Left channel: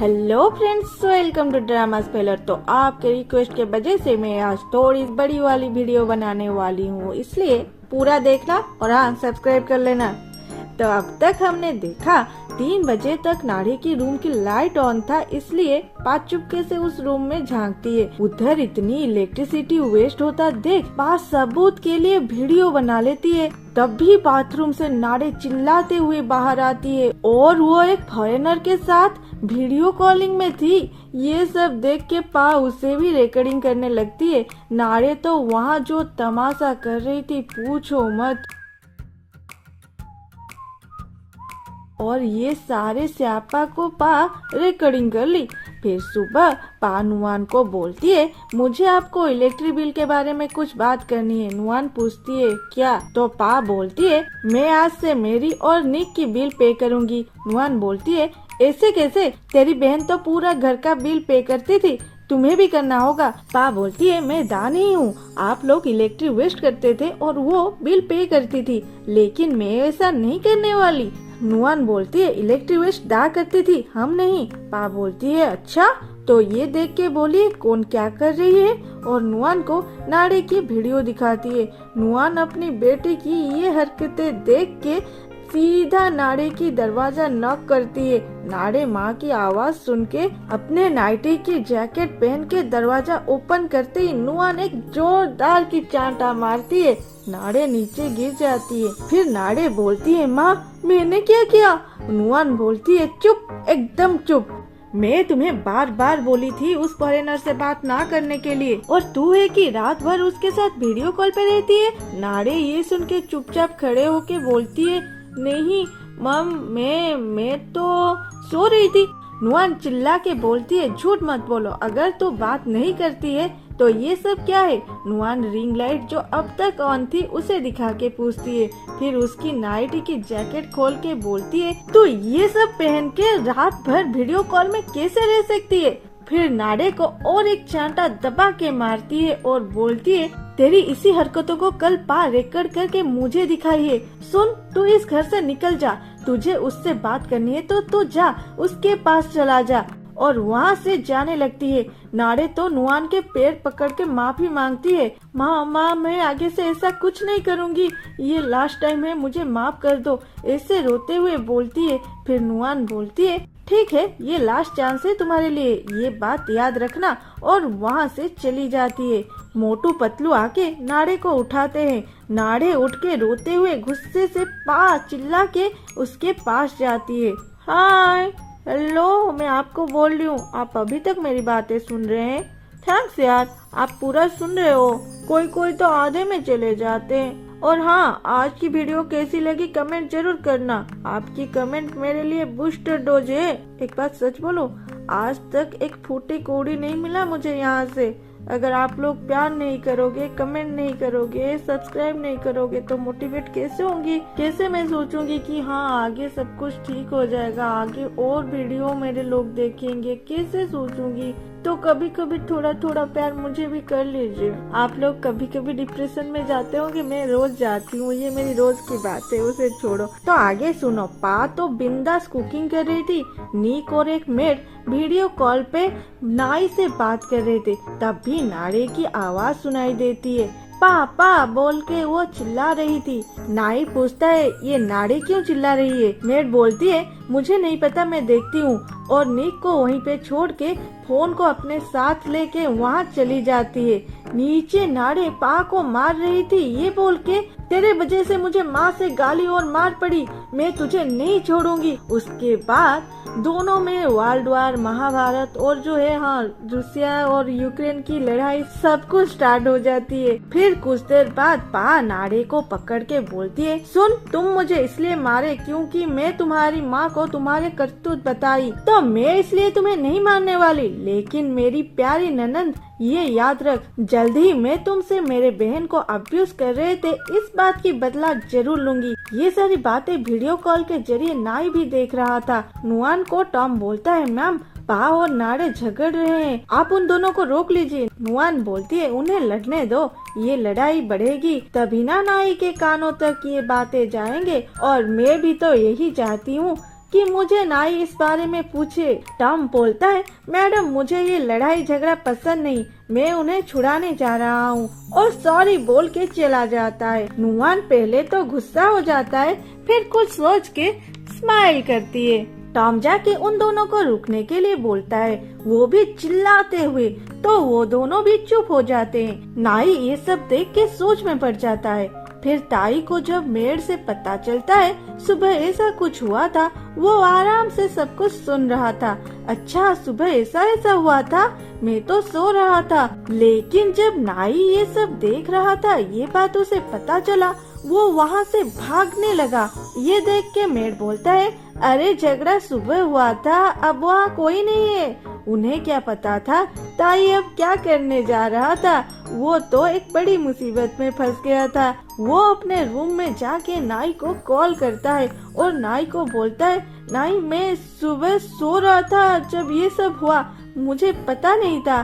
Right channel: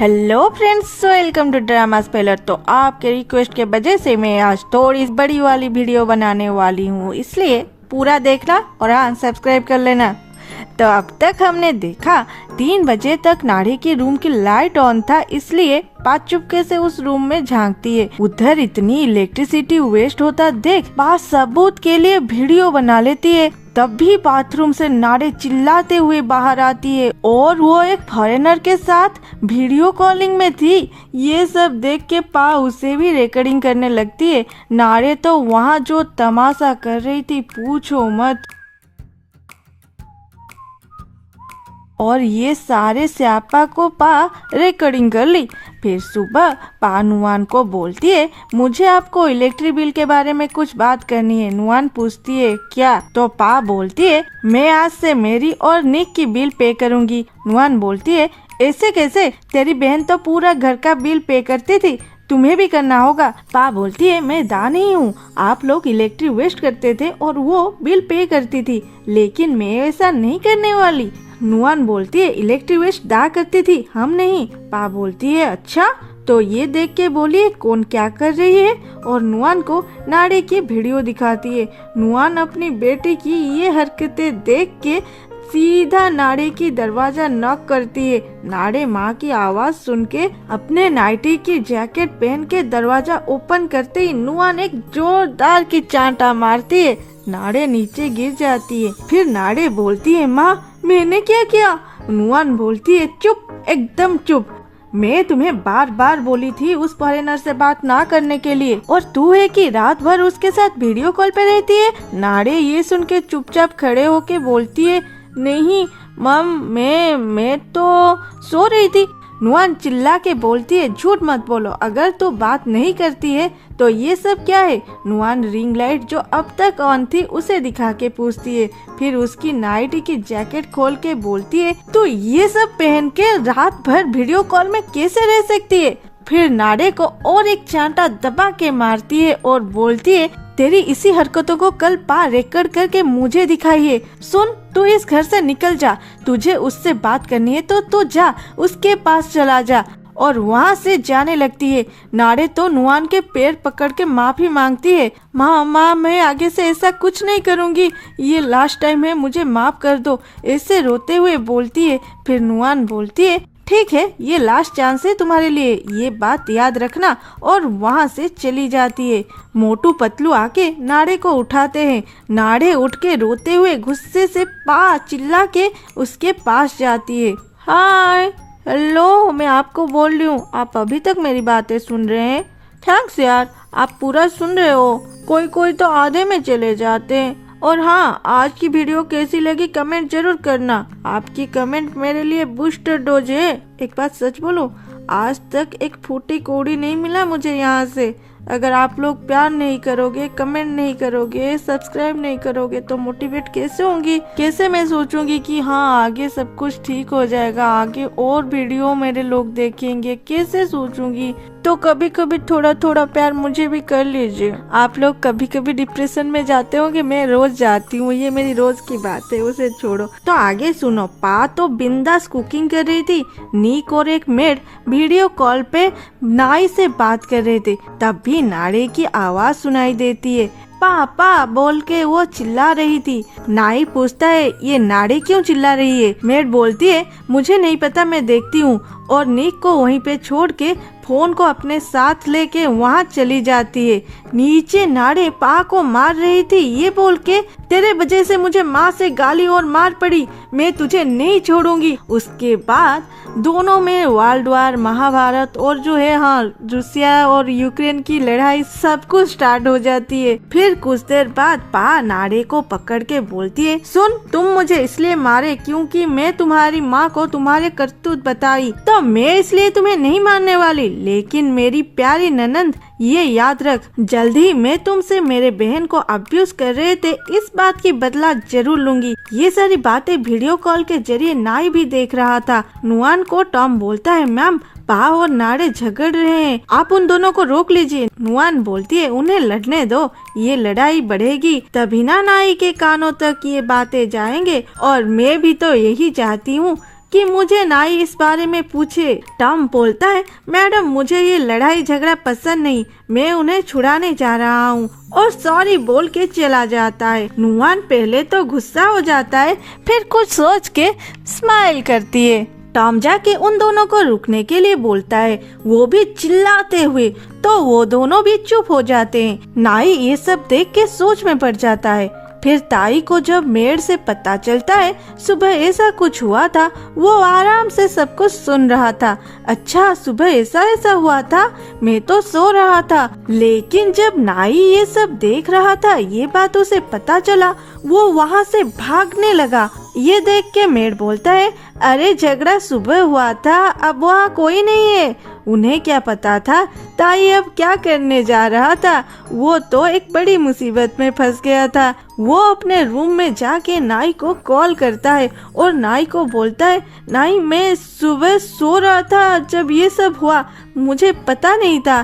Hello friends, welcome to drama speller. तो आपके request के वजह से मैं आज थोड़ी बड़ी वाली वीडियो बनाने वाली हूँ, इसलिए पूरा देखना और हाँ सब्सक्राइब कर लेना। तो अब तक हमने देखा 3 बजे तक नाड़ी की रूम की लाइट ऑन था, इसलिए पा चुपके से उस रूम में झांकती है। उधर इतनी इलेक्ट्रिसिटी वेस्ट होता देख पा सबूत के लिए वीडियो बना लेती है। तब भी बाथरूम से नाड़े चिल्लाते हुए बाहर आती है और वो एक फॉरेनर के साथ वीडियो कॉलिंग में थी। ये सब देख के पा उसे भी रिकॉर्डिंग करने लगती है। नाड़े तो वहाँ जो तमाशा कर रही थी पूछो मत। और ये सारे स्यापा को पा रिकॉर्डिंग कर ली। फिर सुबह पा नुआन को बोलती है, मुझे आपको इलेक्ट्रिक बिल के बारे में कुछ बात करनी है। नुआन पूछती है क्या? तो पा बोलती है, मैं आज से मेरी और निक की बिल पे करूंगी। नुआन बोलती है, ऐसे कैसे? तेरी बहन तो पूरा घर का बिल पे करती थी, तुम्हें भी करना होगा। पा बोलती है, मैं दानी हूँ, आप लोग इलेक्ट्रिक वेस्ट करते थे और वो बिल पे करती थी, लेकिन मैं ऐसा नहीं करने वाली। नुआन बोलती है, इलेक्ट्रिक वेस्ट दा करती थी, हम नहीं। पा बोलती है, अच्छा? तो ये देख के बोलिए कौन क्या कर रही है, और नुआन को नाड़े की वीडियो दिखाती है। नुआन अपनी बेटी की ये हरकतें देख के सीधा नाड़े की दरवाजा नॉक करती है। नाड़े माँ की आवाज सुन के अपने नाइटी की जैकेट पहन के दरवाजा ओपन करते ही नुआन एक जोरदार की चांटा मारती है। नाड़े नीचे गिर जाती है। फिर नाड़े बोलती है, माँ मैंने क्या किया? नुआन बोलती है, चुप, एकदम चुप। मैं तुम्हें बार बार बोली थी उस फॉरेनर से बात ना करने के लिए, और तू है कि रात भर उसके साथ वीडियो कॉल पे रहती है। नाड़े ये सुन के चुपचाप खड़े होके बोलती है, नहीं मम, मैं तो सो रही थी। नुआन चिल्ला के बोलती है, झूठ मत बोलो, अगर तू बात नहीं करती है तो ये सब क्या है? नुआन रिंग लाइट जो अब तक ऑन थी उसे दिखा के पूछती है। फिर उसकी नाइटी की जैकेट खोल के बोलती है, तू ये सब पहन के रात भर वीडियो कॉल में कैसे रह सकती है? फिर नाड़े को और एक चांटा दबा के मारती है और बोलती है, तेरी इसी हरकतों को कल पा रिकॉर्ड करके मुझे दिखाइए। सुन, तू इस घर से निकल जा, तुझे उससे बात करनी है तो तू जा, उसके पास चला जा। और वहाँ से जाने लगती है। नाड़े तो नुआन के पैर पकड़ के माफी मांगती है, माँ मैं आगे से ऐसा कुछ नहीं करूँगी, ये लास्ट टाइम है, मुझे माफ कर दो, ऐसे रोते हुए बोलती है। फिर नुआन बोलती है, ठीक है, ये लास्ट चांस है तुम्हारे लिए, ये बात याद रखना, और वहाँ से चली जाती है। मोटू पतलू आके नाड़े को उठाते हैं। नाड़े उठ के रोते हुए गुस्से से पा चिल्ला के उसके पास जाती है। हाय, हेलो, मैं आपको बोल रही हूँ, आप अभी तक मेरी बातें सुन रहे हैं? थैंक्स यार, आप पूरा सुन रहे हो, कोई तो आधे में चले जाते हैं। और हाँ, आज की वीडियो कैसी लगी कमेंट जरूर करना, आपकी कमेंट मेरे लिए बूस्टर डोज है। एक बात सच बोलो, आज तक एक फूटी कौड़ी नहीं मिला मुझे यहाँ से। अगर आप लोग प्यार नहीं करोगे, कमेंट नहीं करोगे, सब्सक्राइब नहीं करोगे तो मोटिवेट कैसे होंगी? कैसे मैं सोचूंगी कि हाँ आगे सब कुछ ठीक हो जाएगा, आगे और वीडियो मेरे लोग देखेंगे, कैसे सोचूंगी? तो कभी कभी थोड़ा थोड़ा प्यार मुझे भी कर लीजिए। आप लोग कभी कभी डिप्रेशन में जाते होंगे, मैं रोज जाती हूँ, ये मेरी रोज की बात है, उसे छोड़ो। तो आगे सुनो। पा तो बिंदास कुकिंग कर रही थी। निक और एक मेड वीडियो कॉल पे नाई से बात कर रहे थे, तब भी नाड़े की आवाज सुनाई देती है। पापा बोल के वो चिल्ला रही थी। नाई पूछता है, ये नाड़े क्यों चिल्ला रही है? मेड बोलती है, मुझे नहीं पता, मैं देखती हूँ, और निक को वहीं पे छोड़ के फोन को अपने साथ लेके वहाँ चली जाती है। नीचे नाड़े पा को मार रही थी, ये बोल के, तेरे वजह से मुझे माँ से गाली और मार पड़ी, मैं तुझे नहीं छोड़ूंगी। उसके बाद दोनों में वर्ल्ड वार, महाभारत और जो है हाँ रूसिया और यूक्रेन की लड़ाई सब कुछ स्टार्ट हो जाती है। फिर कुछ देर बाद पा नाड़े को पकड़ के बोलती है, सुन, तुम मुझे इसलिए मारे क्योंकि मैं तुम्हारी माँ को तुम्हारे करतूत बताई, तो मैं इसलिए तुम्हें नहीं मारने वाली। लेकिन मेरी प्यारी ननंद, ये याद रख, जल्दी मैं तुमसे मेरे बहन को अब्यूज कर रहे थे, इस बात की बदला जरूर लूंगी। ये सारी बातें वीडियो कॉल के जरिए नाई भी देख रहा था। नुआन को टॉम बोलता है, मैम पा और नाड़े झगड़ रहे हैं, आप उन दोनों को रोक लीजिए। नुआन बोलती है, उन्हें लड़ने दो, ये लड़ाई बढ़ेगी तभी ना नाई के कानों तक ये बातें जाएंगे, और मैं भी तो यही चाहती हूँ कि मुझे नाई इस बारे में पूछे। टॉम बोलता है, मैडम मुझे ये लड़ाई झगड़ा पसंद नहीं, मैं उन्हें छुड़ाने जा रहा हूँ, और सॉरी बोल के चला जाता है। नुआन पहले तो गुस्सा हो जाता है, फिर कुछ सोच के स्माइल करती है। टॉम जाके उन दोनों को रुकने के लिए बोलता है, वो भी चिल्लाते हुए, तो वो दोनों भी चुप हो जाते हैं। नाई ये सब देख के सोच में पड़ जाता है। फिर ताई को जब मेड से पता चलता है सुबह ऐसा कुछ हुआ था, वो आराम से सब कुछ सुन रहा था। अच्छा सुबह ऐसा ऐसा हुआ था, मैं तो सो रहा था। लेकिन जब नाई ये सब देख रहा था, ये बात उसे पता चला, वो वहाँ से भागने लगा। ये देख के मेड बोलता है, अरे झगड़ा सुबह हुआ था, अब वहाँ कोई नहीं है। उन्हें क्या पता था ताई अब क्या करने जा रहा था, वो तो एक बड़ी मुसीबत में फंस गया था। वो अपने रूम में जाके नाई को कॉल करता है और नाई को बोलता है, नाई मैं सुबह सो रहा था जब ये सब हुआ, मुझे पता नहीं था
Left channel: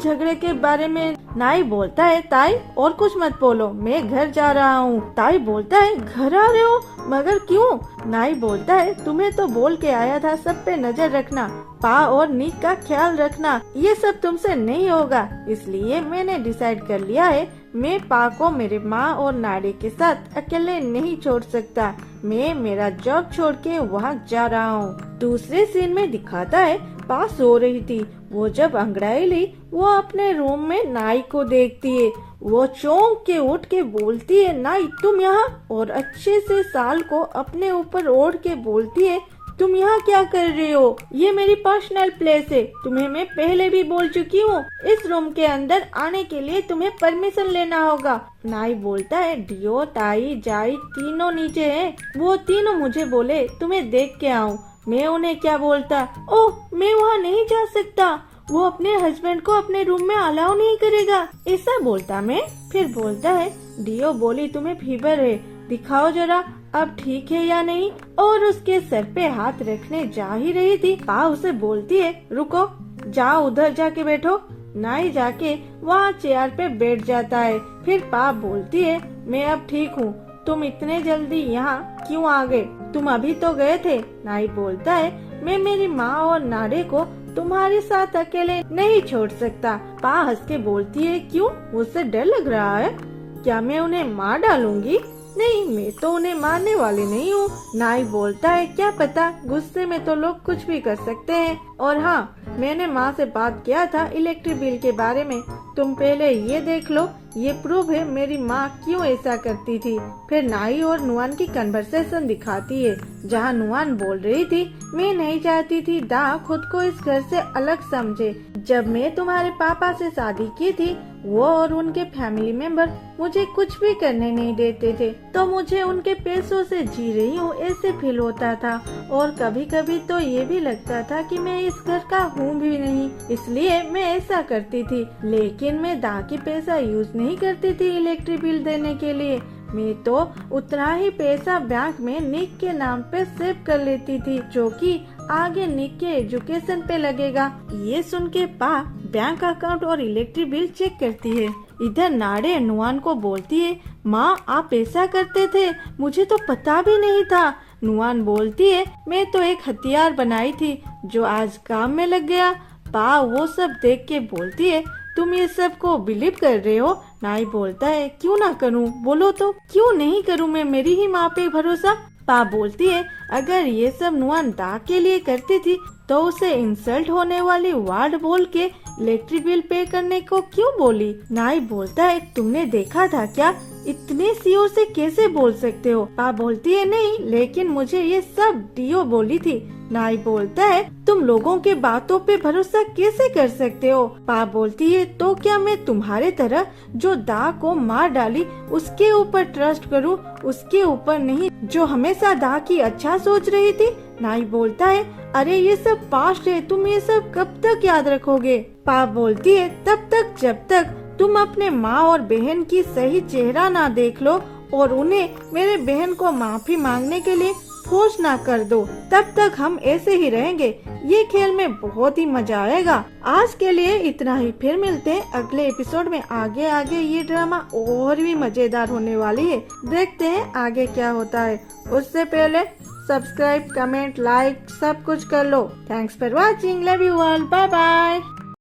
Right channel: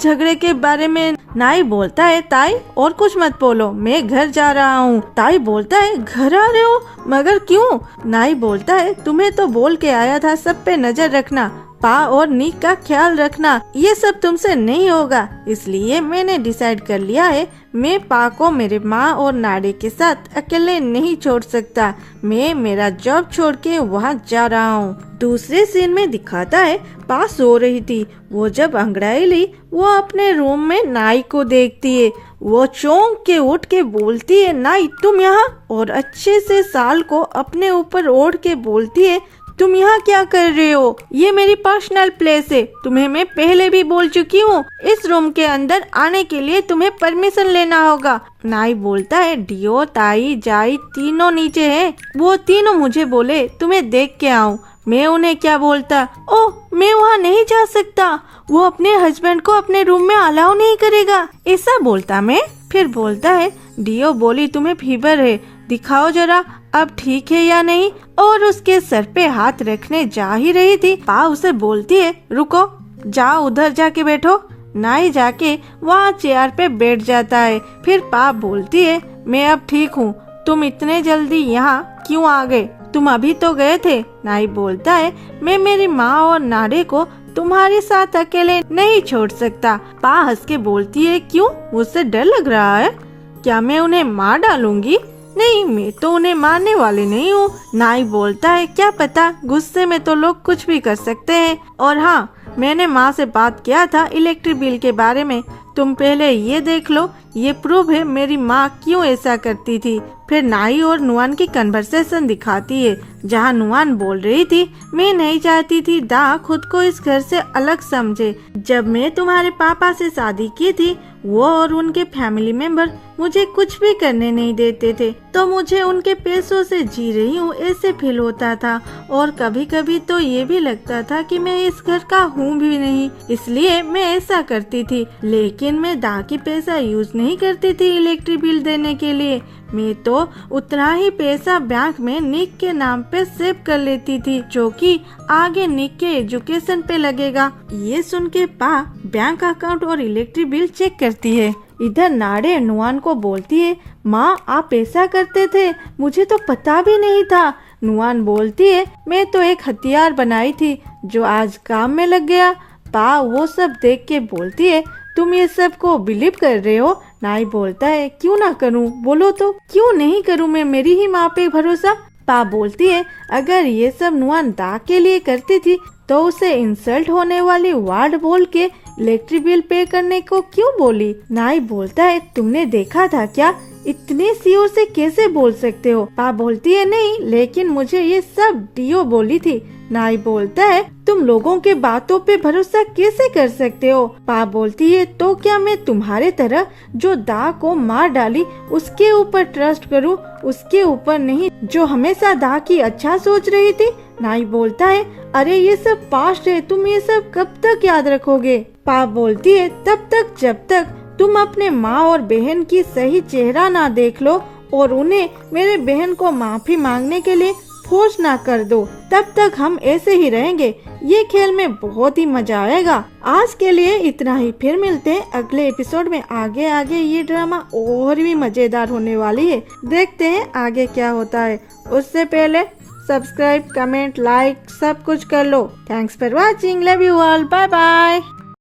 झगड़े के बारे में। नाई बोलता है, ताई और कुछ मत बोलो, मैं घर जा रहा हूँ। ताई बोलता है, घर आ रहे हो, मगर क्यों? नाई बोलता है, तुम्हें तो बोल के आया था सब पे नजर रखना, पा और निक का ख्याल रखना, ये सब तुमसे नहीं होगा, इसलिए मैंने डिसाइड कर लिया है, मैं पा को मेरे माँ और नाडे के साथ अकेले नहीं छोड़ सकता। मैं मेरा जॉब छोड़ के वहाँ जा रहा हूँ। दूसरे सीन में दिखाता है पा सो रही थी। वो जब अंगड़ाई ली, वो अपने रूम में नाई को देखती है। वो चौंक के उठ के बोलती है, नाई तुम यहाँ? और अच्छे से साल को अपने ऊपर ओढ़ के बोलती है, तुम यहाँ क्या कर रहे हो? ये मेरी पर्सनल प्लेस है, तुम्हें मैं पहले भी बोल चुकी हूँ, इस रूम के अंदर आने के लिए तुम्हें परमिशन लेना होगा। नाई बोलता है, डियो ताई जाई तीनों नीचे हैं, वो तीनों मुझे बोले तुम्हें देख के आऊँ, मैं उन्हें क्या बोलता? ओह मैं वहाँ नहीं जा सकता, वो अपने हस्बैंड को अपने रूम में अलाउ नहीं करेगा, ऐसा बोलता मैं। फिर बोलता है, डियो बोली तुम्हें फीवर है, दिखाओ जरा अब ठीक है या नहीं, और उसके सर पे हाथ रखने जा ही रही थी, पा उसे बोलती है, रुको, जाओ उधर जाके बैठो। नाई जाके वहाँ चेयर पे बैठ जाता है। फिर पा बोलती है, मैं अब ठीक हूँ, तुम इतने जल्दी यहाँ क्यों आ गए? तुम अभी तो गए थे। नाई बोलता है, मैं मेरी माँ और नाडे को तुम्हारे साथ अकेले नहीं छोड़ सकता। पा हंस के बोलती है, क्यों? मुझसे डर लग रहा है क्या? मैं उन्हें मार डालूंगी? नहीं, मैं तो उन्हें मारने वाली नहीं हूँ। नाई बोलता है, क्या पता, गुस्से में तो लोग कुछ भी कर सकते हैं। और हाँ, मैंने माँ से बात किया था इलेक्ट्रिक बिल के बारे में, तुम पहले ये देख लो, ये प्रूफ है मेरी माँ क्यों ऐसा करती थी। फिर नाई और नुआन की कन्वर्सेशन दिखाती है, जहाँ नुआन बोल रही थी, मैं नहीं चाहती थी दा खुद को इस घर से अलग समझे। जब मैं तुम्हारे पापा से शादी की थी, वो और उनके फैमिली मेंबर मुझे कुछ भी करने नहीं देते थे, तो मुझे उनके पैसों से जी रही हूँ ऐसे फील होता था, और कभी कभी तो ये भी लगता था कि मैं इस घर का हूँ भी नहीं, इसलिए मैं ऐसा करती थी। लेकिन मैं दा की पैसा यूज नहीं करती थी इलेक्ट्रिक बिल देने के लिए, मैं तो उतना ही पैसा बैंक में निक के नाम पे सेव कर लेती थी, जो कि आगे निक के एजुकेशन पे लगेगा। ये सुन के पा बैंक अकाउंट और इलेक्ट्रिक बिल चेक करती है। इधर नाडे नुआन को बोलती है, माँ आप ऐसा करते थे, मुझे तो पता भी नहीं था। नुआन बोलती है, मैं तो एक हथियार बनाई थी जो आज काम में लग गया। पा वो सब देख के बोलती है, तुम ये सब को बिलीव कर रहे हो? नाई बोलता है, क्यों ना करूं, बोलो तो क्यों नहीं करूं मैं, मेरी ही माँ पे भरोसा। पा बोलती है, अगर ये सब नुआन दा के लिए करती थी तो उसे इंसल्ट होने वाली वर्ड बोल के इलेक्ट्रिक बिल पे करने को क्यों बोली? नाई बोलता है, तुमने देखा था क्या, इतने सीओ से कैसे बोल सकते हो? पा बोलती है, नहीं, लेकिन मुझे ये सब डीओ बोली थी। नाई बोलता है, तुम लोगों के बातों पे भरोसा कैसे कर सकते हो? पा बोलती है, तो क्या मैं तुम्हारे तरह जो दा को मार डाली उसके ऊपर ट्रस्ट करूं, उसके ऊपर नहीं जो हमेशा दा की अच्छा सोच रही थी? नाई बोलता है, अरे ये सब पास्ट है, तुम ये सब कब तक याद रखोगे? पा बोलती है, तब तक जब तक तुम अपने माँ और बहन की सही चेहरा ना देख लो और उन्हें मेरे बहन को माफी मांगने के लिए फोर्स ना कर दो, तब तक हम ऐसे ही रहेंगे। ये खेल में बहुत ही मजा आएगा। आज के लिए इतना ही, फिर मिलते हैं अगले एपिसोड में। आगे आगे ये ड्रामा और भी मजेदार होने वाली है, देखते हैं आगे क्या होता है। उससे पहले सब्सक्राइब, कमेंट, लाइक सब कुछ कर लो। Thanks for watching, love you all, bye bye.